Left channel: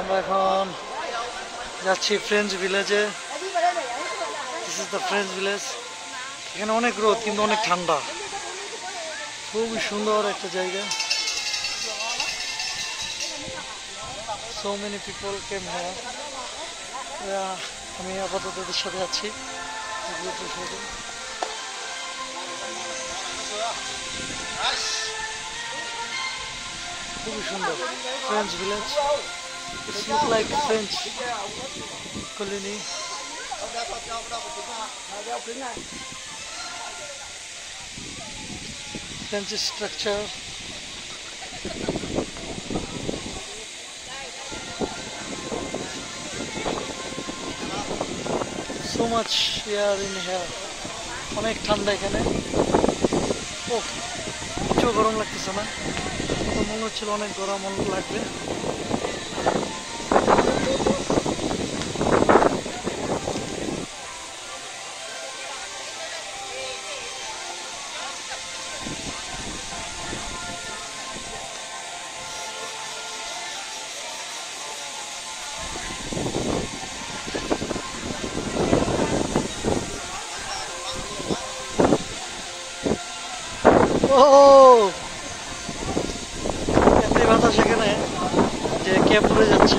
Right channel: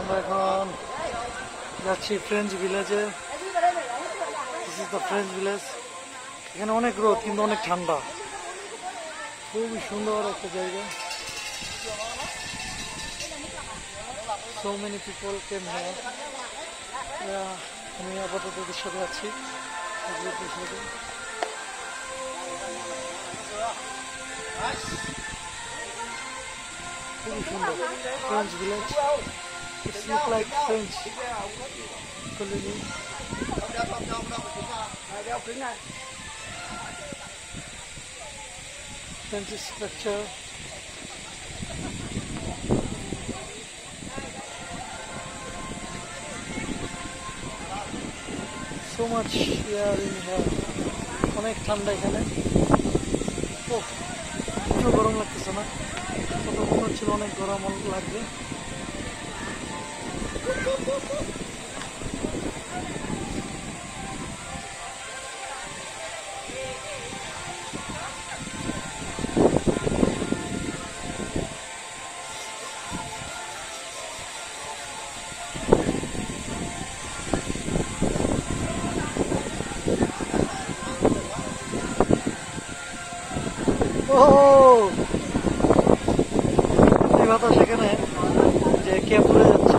আমরা এখন যাচ্ছি ফ্রেঞ্চ ভিলেজে। This is the French village. এখানে অনেক রোদ কিন্তু অনেক ঠান্ডা, খুবই সুন্দর একটা জায়গা। So many people came here. আমি আপাতত ওদের সাথে আছি, খুবই সুন্দর French village. It's look like French colony. French structure. So much air in here. অনেক ঠান্ডা এখানে। ওহ, একটু গরম লাগতেছে না, কত মনে হচ্ছিল অনেক গরম লাগবে। ও এতই বাতাস এখানে যে কে পড়ে যাচ্ছে।